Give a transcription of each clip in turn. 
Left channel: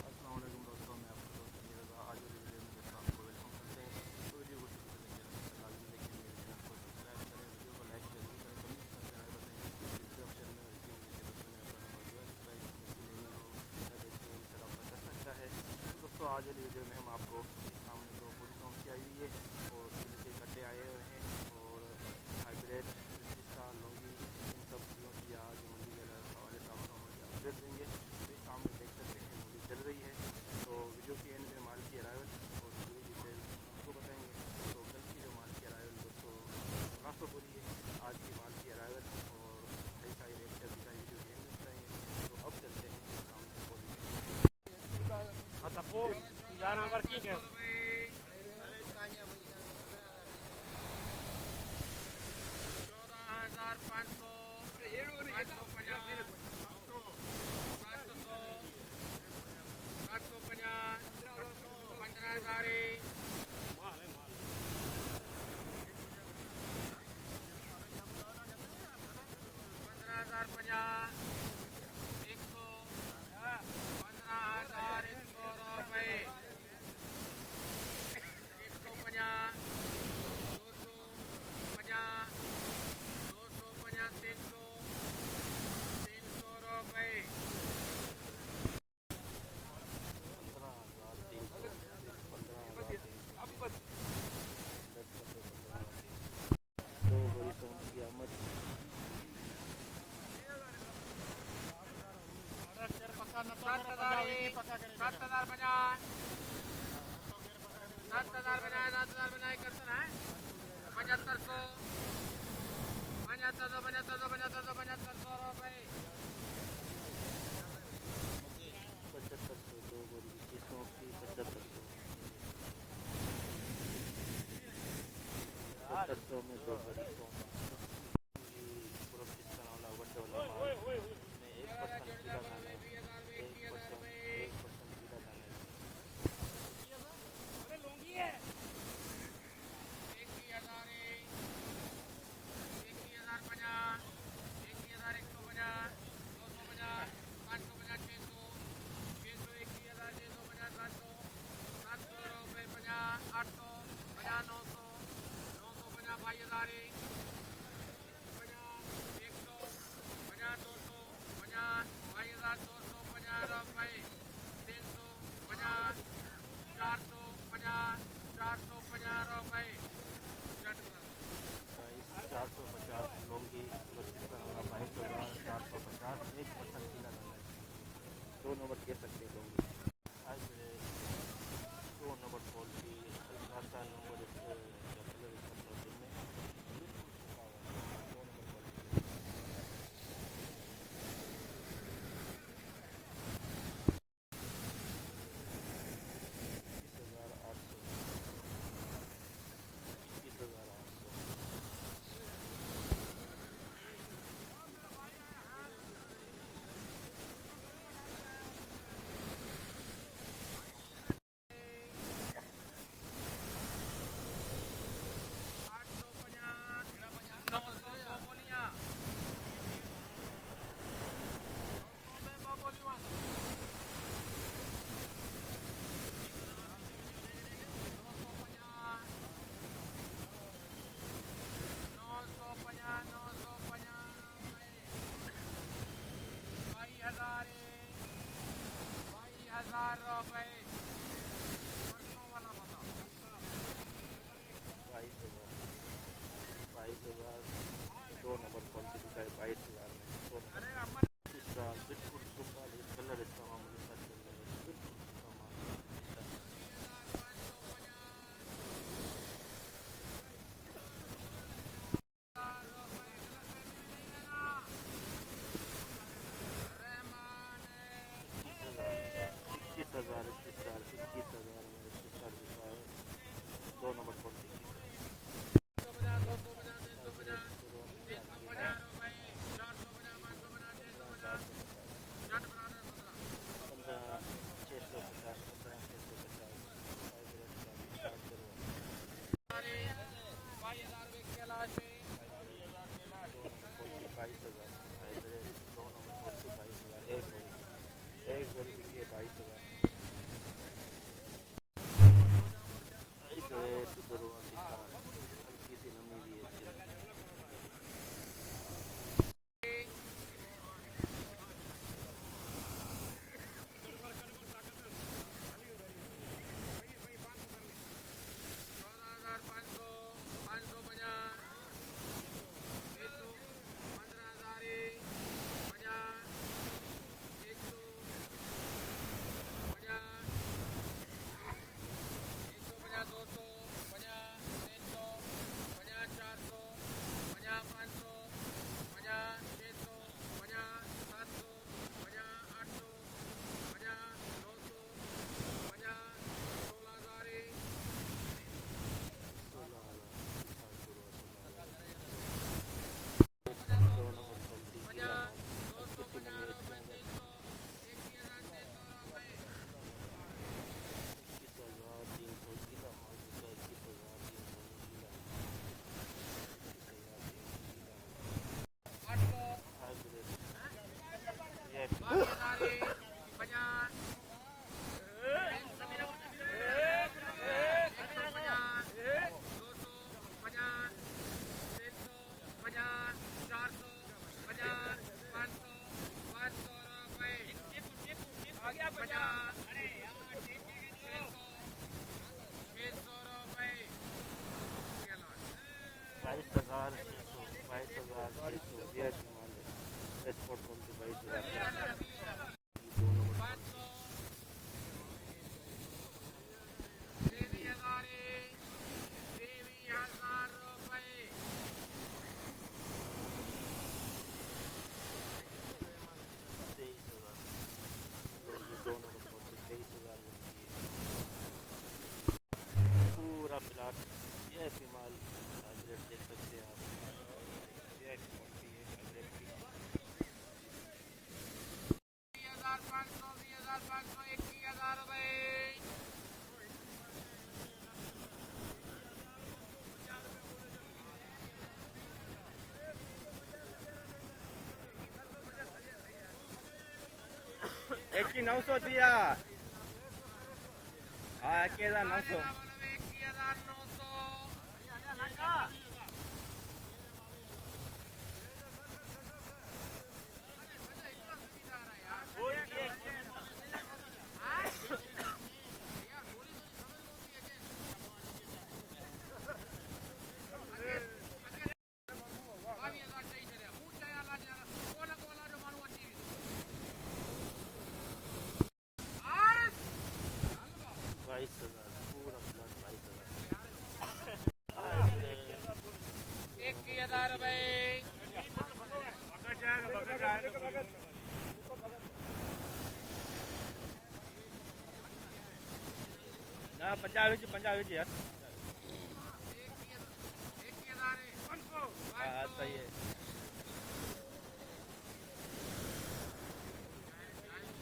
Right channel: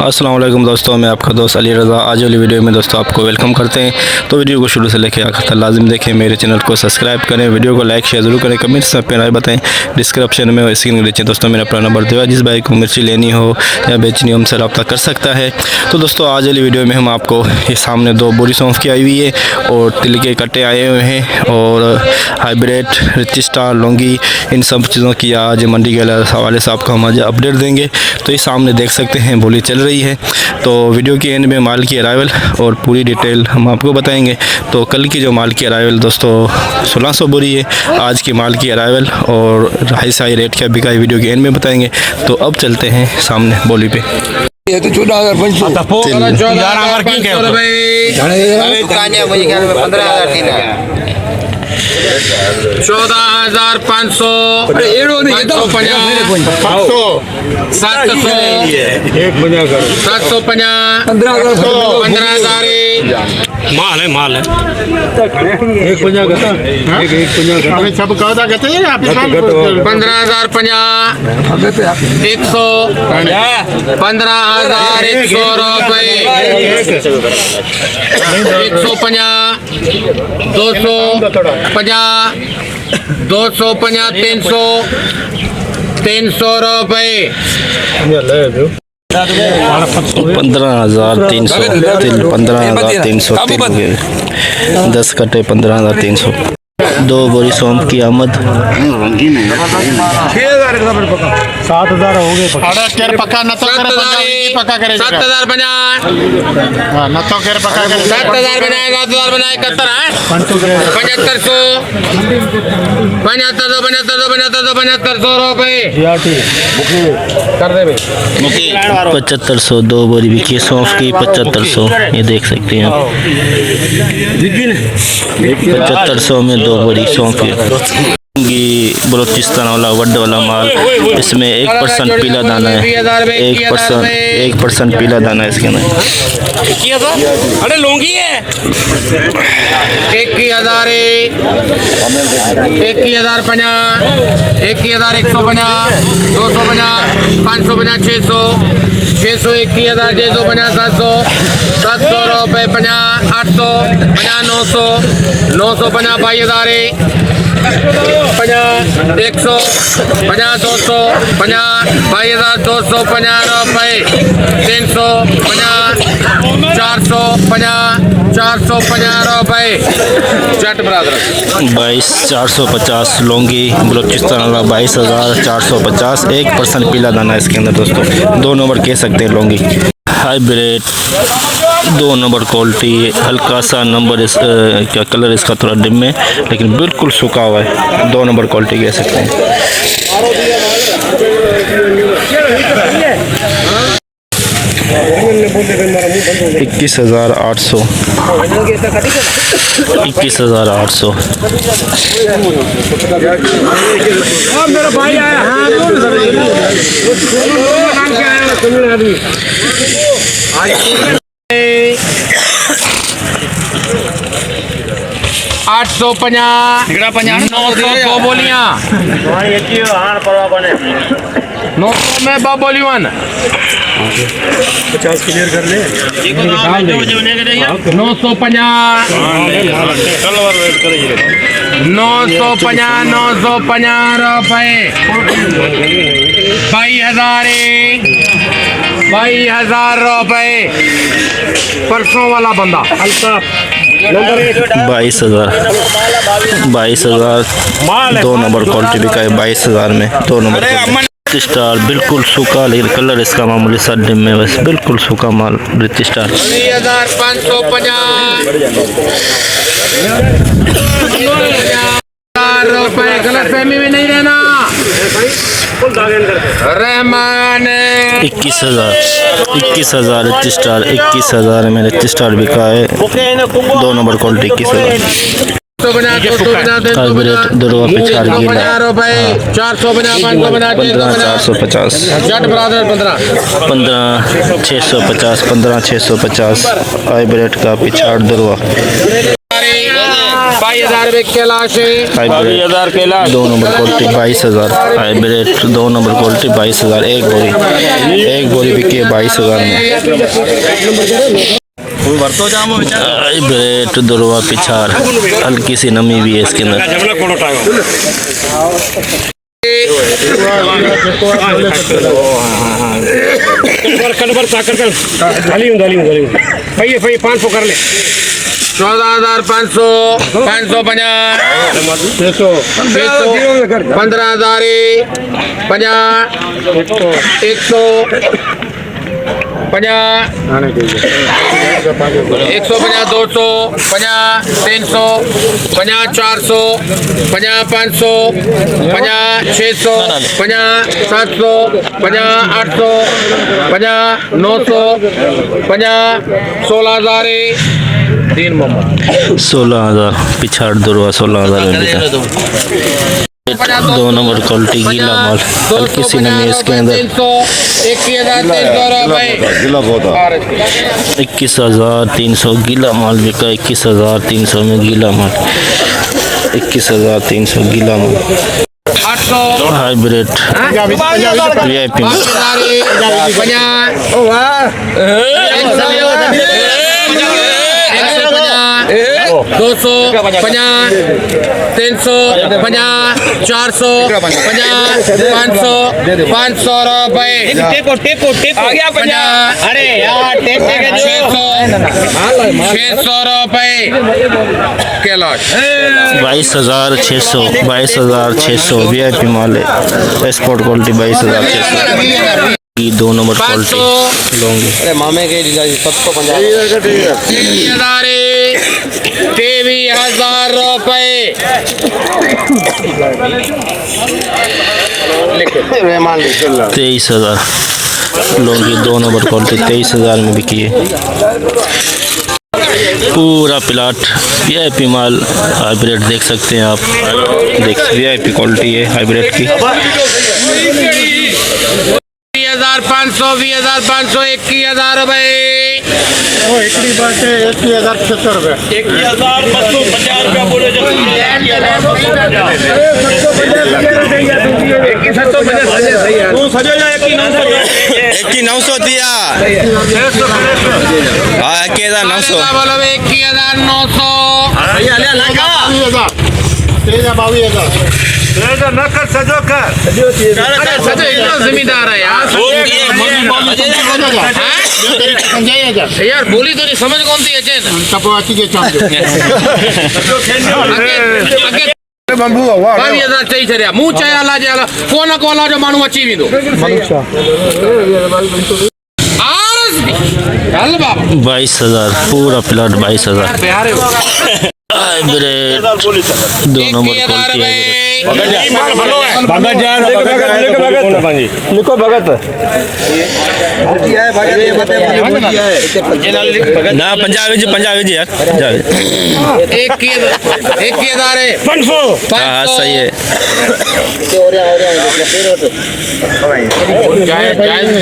अस्सलाम वालेकुम दोस्तों, मैं आपका दोस्त अली रज़ा। आज वाली वीडियो में दोस्तों आपको वेलकम करते हैं। तो वीडियो को शुरू से लेकर आखिर तक लाजिम देखें। मेरे चैनल को सब्सक्राइब करें, वीडियो को लाइक शेयर ज़रूर करें, कमेंट्स में अपनी राय बताएं। डिस्क्रिप्शन में स्क्रीन के नीचे दोस्तों मेरा अपना नंबर दिया, जिस भाई को मिर्ची लेनी हो या बेचनी हो हमसे रब्ता कर सकता है। तो दोस्तों आज वाली वीडियो में हम आपको ये सामने 2 बोरी सौंफ की आई हुई है और तिल के कट्टे आए हुए हैं और हाइब्रिड रिच स्टार लौंगी, इन सब चीज़ों की आज मंडी के हवाले से आपको हम आज अपडेट देंगे। तो ये सामने देख सकते हैं बोली चल रही है। तो वीडियो के एंड में माल की अराइवल और पूरी डिटेल हम आपको बताएंगे। तो कल की जो माल की अराइवल दोस्तों 1600 बोरी है, आज की माल की अराइवल और हाई साई रेट क्या बिका है वीडियो के एंड में बताएंगे। तो अब चलते हैं सामने बोली पे। ये तो 14,500 14,500 माल है एक 50 का अभी सब कहता कहते हैं आप 15,050 100 15,100 रुपये 150 250 250 300 रुपये 15,300 तिल 15,300 तिल हो गए। 10 कट्टे 15,300। 2 बोरी सौंफ की आमद 7,000 हो गए पक्का न तो करे पक्का करे 7,000 बना न तो करे पक्का करे 7,000 बनाए 7,000 बनाए 71 है 7500 7500 रुपये कर दे भाई 7500। 2 बोरी बिकी है सौंफ की 7500। ये देख सकते हैं आप 7500 में 2 बोरी सौंफ की। बलोचिस्तान वाला वड वाला माल, इसमें 1% पीला दाना है। 1% पीला दाना है इसके अंदर। अरे लौंगी है 21,000 21,050 21,150 250 550 600 21,000 650 700 700 रुपये 50 800 50 900 950 22,000 50 100 50 200 50 22,250 रुपये 300 50 450 450 रुपये जट बरादर 22,450 लौंगी बलोचिस्तान वाला 22,450। 1% पीला दाना है इसके अंदर दोस्तों। 2 नंबर कह सकते हैं लौंगी। हाइब्रिड 2 नंबर क्वालिटी, हल्का सा नंबर क्या कलर इसका थोड़ा डिम में, लेकिन बिल्कुल सूखा हुआ है। 2 नंबर क्वालिटी कह सकते हैं। 21,800 21,800। मेरा भाई आया 850 900 बोलियां 900 में 2 बोलियां 50 क्लियर कर ले 950 950 रुपये 22,000 रुपये परसों वाला बंदा हल्का 22,000 2 नंबर क्वालिटी बिका है 22,000 में। 2 नंबर स्टार बिल्कुल सूखा, लेकिन कलर इसका मामूली सा डिम में, बस बिल्कुल सूखा माल रिच स्टार 3,550 रुपये। गलत फहमी में नहीं रहना। रहमान 21,000 रिच स्टार 21,000 में रिच स्टार बिका है। 2 नंबर क्वालिटी 21,000। हाइब्रिड दुर्वा पिछाड़ गीला 15,450 15,650 15,650 हाइब्रिड का पिछाड़ दुर्वा 22,000 कैलाश है 2 number quality 22,000 hybrid 2 number quality 22,000 एक बोरी बिकी है 22,000 में। हाइब्रिड दुर्वा पिछार, हल्की सी नमी भी है इसके अंदर। भाई 500 कर ले 14,500 550 15,000 50 100 50 150 200 50 300 50 400 50 500 50 600 50 700 50 800 50 900 50 16,000 तीन मोहम्मद 16,000 पिछाड़ दुर्वा 16,000 में बिका। 2 नंबर क्वालिटी गीला माल, हल्की सी नमी है इसके अंदर। 21,300 गीला माल बिका। 21,300 में गीला माल। 21,300 गीला माल। 800 हाइब्रिड VIP माल। 200 50 300 50 400 50 500 500 रुपए टेपो आ गया 50। अरे यार 600 रुपए के लॉट 22,600 22,600 VIP माल है। एक्सपोर्ट क्वालिटी 22,600 की। 2 नंबर क्वालिटी लूंगी। मामे के 23,000 रुपए 23,000 लूंगी। 2 नंबर क्वालिटी 23,000 में बिकी है। पूरा प्लाट VIP माल हाइब्रिड देख सकते हैं आप। देख VIP क्वालिटी है हाइब्रिड की। 20,500 20,500 21,000 रुपए 21,075 रुपये 1,250 रुपया बोले जब 900 दिया। हाँ 21,900 बोलो 21,900 जमींदार है यार बोली तो नहीं समझ कौन सी है बंबू 22,000 चई छॾिया मूं चया जे कोन कोला जो माण्हू अची वेंदो हल बाबा 22,000 पूरा प्लाट 22,000 हाइब्रिड 2 नंबर क्वालिटी है। लिखो भगत ना पंजाबी जी यार पंजाबी। 21,000 है 500 हाँ सही है।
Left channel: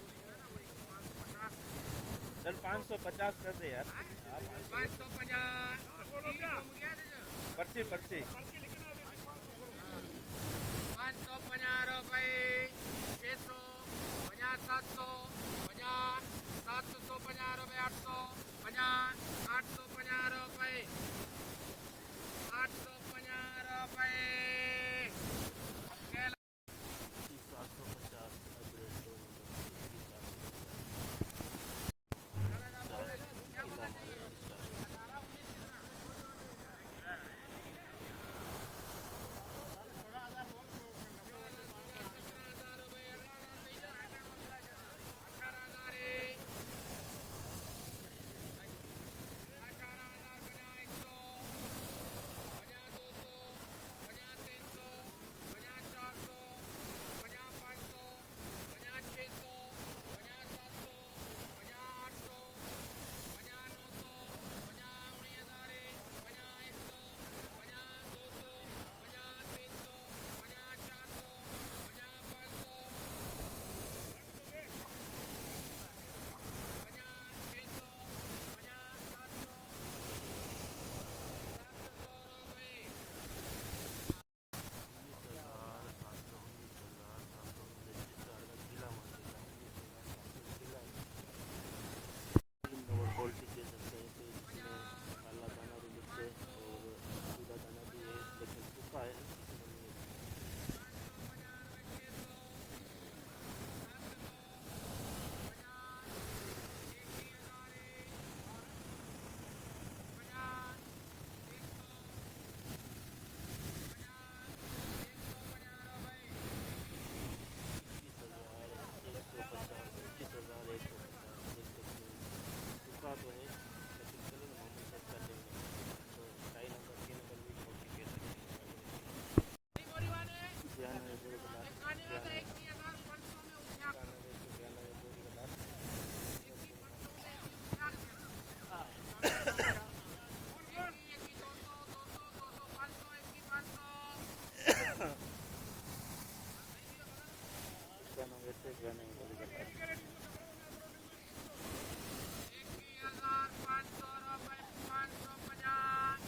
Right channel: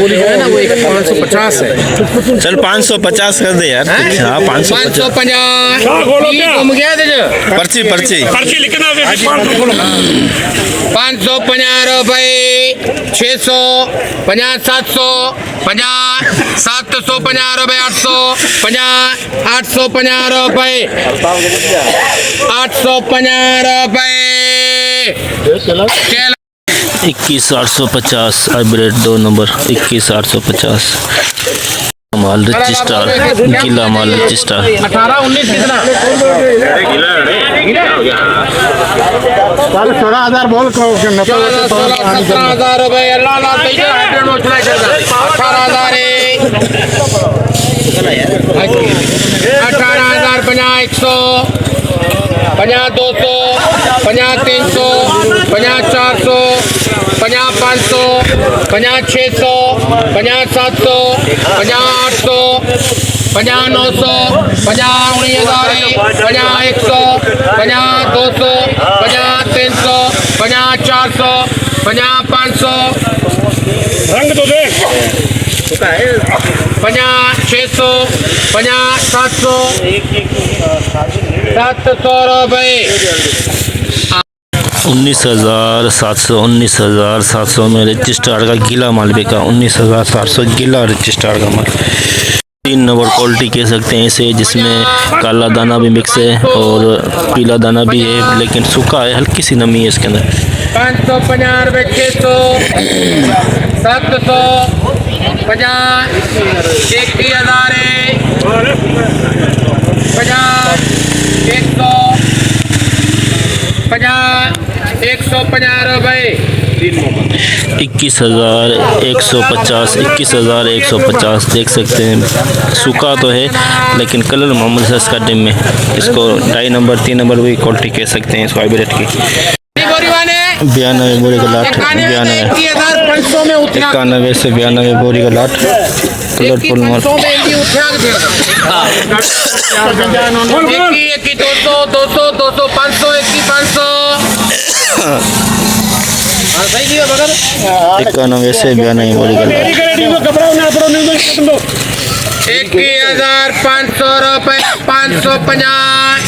बोली है ना वो 550 है। चल 550 कर दे यार। हाँ 550 घूम गया पर्ची लिखना 550 रुपए 600 50 700 50 750 रुपए 800 50 850 रुपए 850 रुपए 21,850 हाइब्रिड 2 नंबर 21,850 माल रजिस्टर गीला माल रजिस्टर 18 19 कितना 16,000 बोल 17,000 रुपए अल्लाह 18,000 18,000 50 100 50 200 50 300 50 400 50 500 50 600 50 700 50 800 50 900 50 19,000 50 100 50 200 50 300 50 400 50 500 रंग तो देख 50 600 50 700 700 रुपए 19,700 19,700 में रिच स्टार का गीला माल बिका। 19,700 गीला रिच स्टार का माल। 3 नंबर क्वालिटी कह सकते हैं इसे, जिसमें काला दाना भी मिक्स है और पीला दाना भी है, लेकिन सूखा है, हल्की सी नमी है इसके अंदर। 550 रुपए, 600, 750, 21,000 है, 50, 100, 50, 150 रुपए। 21,150 21,150 देख सकते हैं। सूखा तो है लेकिन कलर मामूली सा इसका डिम में। इसको 2.5 नंबर 3 नंबर भी क्वालिटी कह सकते हैं इसको हाइब्रिड की। 92 बोरी का लाट, 92 500 में उठा 91 से 92 बोरी का लाट, कलरफुल माल। 500 में इंडी उठा के देगा। 21, 200, 200, 200, 500, 500। सही दिया मगर 91 से 92 बोरी का लाट। 21,500 रुपए, 550,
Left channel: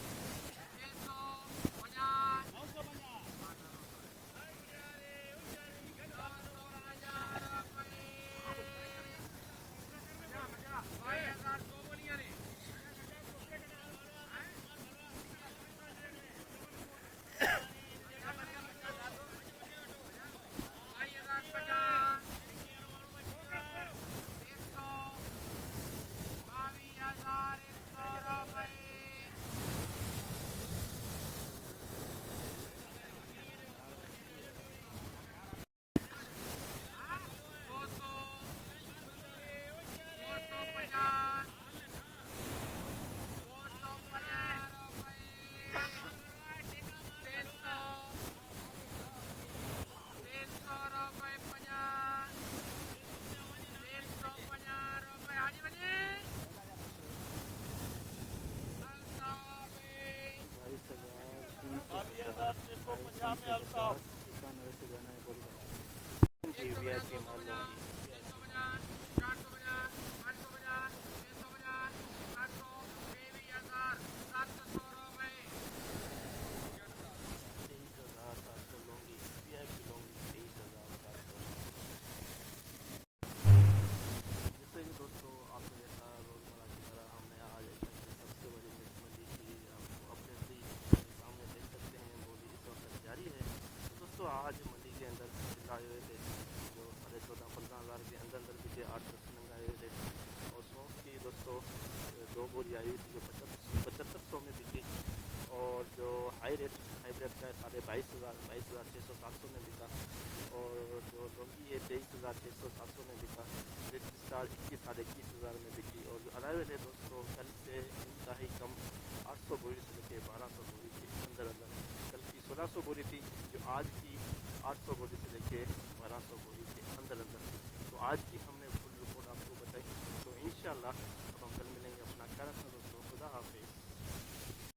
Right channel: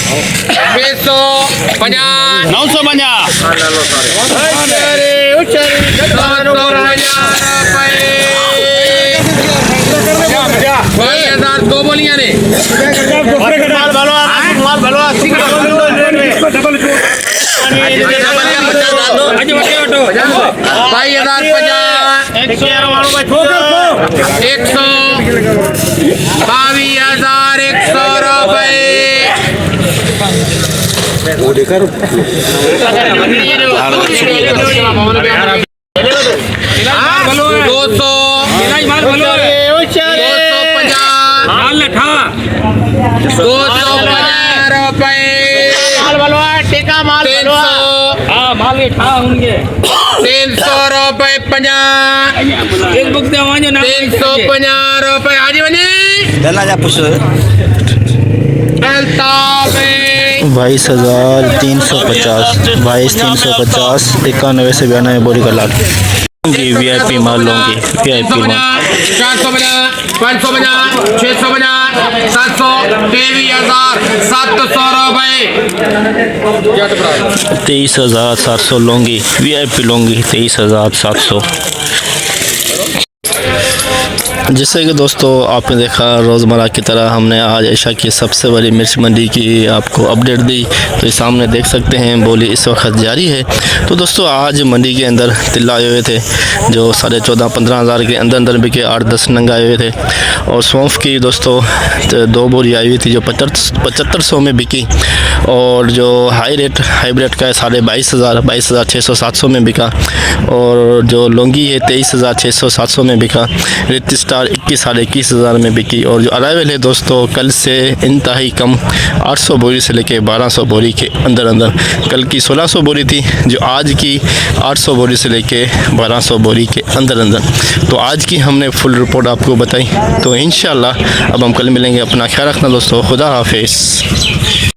650, 950 दो बोलियां ने। भाई 1,050, 22,100 रुपए। 200, 250 रुपए। 300 रुपए, 50, 350 रुपए। हाजी बनी 22,350 22,350 91 से 92 बोरी का लाट। VIP माल लूँगी, VIP माल। 450, 550, 650, 700, 23,700 रुपए। 23,700 लूँगी, VIP लूँगी 23,700। जैसे कि दोस्तों आपने देखा रोज़मर्रा की तरह हमने आज एशिया की सबसे बड़ी मिर्च मंडी की आपको अपडेट दी। तो ये सामने देख सकते हैं बोली इस वक्त जारी है। तो दोस्तों आज मंडी के अंदर तिल्ला आए हुए थे जो 14,500-15 हज़ार के अंदर बिके। 8-10 नंग आए हुए थे। और सौंफ की दोस्तों 2 बोरी आई हुई थी जो 7500 में बिकी। और जो हाई रेट हाइब्रिड का है 22,500 22,600-700 में बिका। और जो लौंगी है 23,600-700 में बिका। रिच स्टार 21,500 में बिकी। और जो अराइवल है दोस्तों कल से इंतहाई कम 800 बोरी से लेके 1200 बोरी के अंदर अंदर। कल की 1600 बोरी थी जो आज की 800 बोरी से लेके 1200 बोरी के अंदर अंदर। तो आज की हमने फुल रिपोर्ट आपको बताई। तो इंशाल्लाह अब हम कल मिलेंगे। अपना ख्याल रखना दोस्तों। खुदा हाफिज़।